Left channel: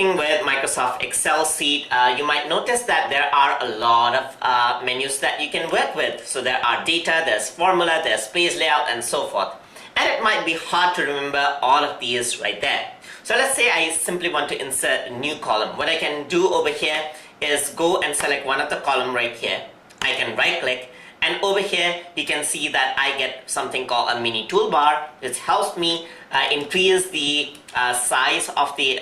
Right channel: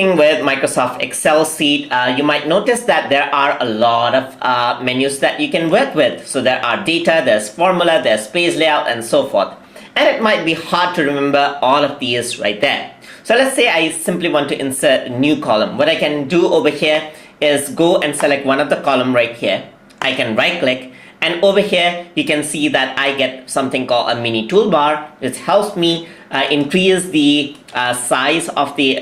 working with Microsoft Excel sheet, you might notice that there are a lot of menus that you can work with. So there are data, there's formula, there's page layout, and so forth. And it might be hard to remember all of these right there. So let's say I simply want to insert a new column. What I can do over here is go and select one of the column right here. I can right click, and over here you can see that I get something called a mini toolbar, which helps me increase the size of the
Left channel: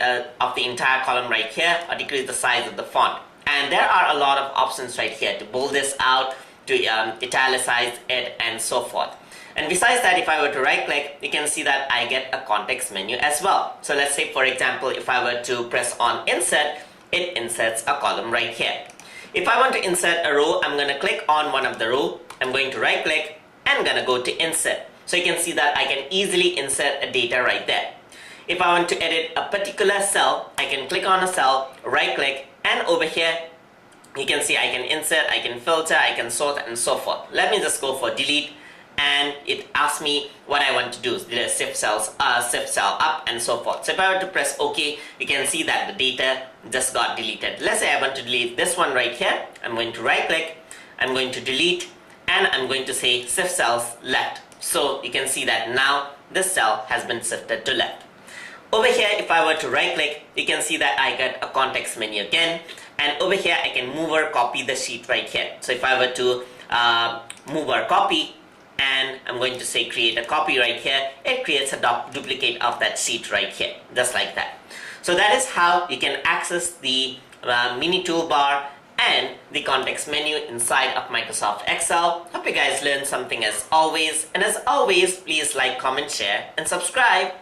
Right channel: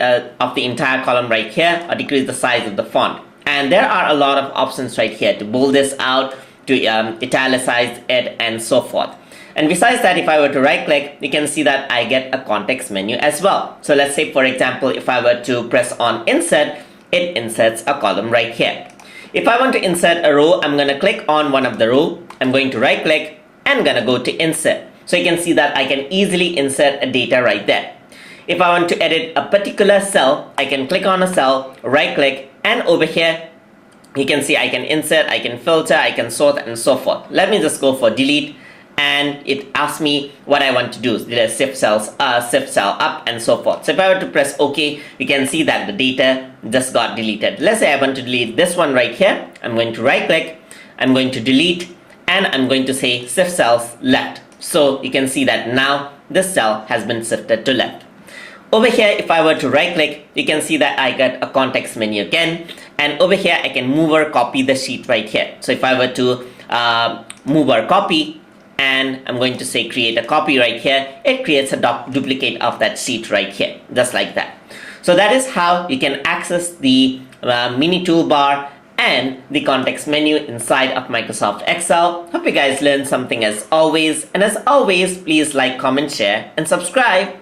entire column right here, or decrease the size of the font. And there are a lot of options right here to bold this out, to italicize it, and so forth. And besides that, if I were to right click, you can see that I get a context menu as well. So let's say, for example, if I were to press on insert, it inserts a column right here. If I want to insert a row, I'm going to click on one of the row. I'm going to right click and going to go to insert. So you can see that I can easily insert a data right there. If I want to edit a particular cell, I can click on a cell, right click, and over here you can see I can insert, I can filter, I can sort, and so forth. Let me just go for delete, and it asks me what I want to do. Shift cell up, and so forth. So if I were to press OK, you can see that the data just got deleted. Let's say I want to delete this one right here. I'm going to right click, I'm going to delete, and I'm going to say shift cells left. So you can see that now this cell has been shifted to left. Over here, if I were to right click, you can see that I get a context menu again. And over here, I can move or copy the sheet right here. So if I were to move or copy, and I'm going to say create a copy right here, it creates a duplicate of that sheet right here, just like that. So that is how you can access the mini toolbar and the context menu inside of Microsoft Excel. Hope you guys learned something as always. And as always, please like, comment, share, and subscribe.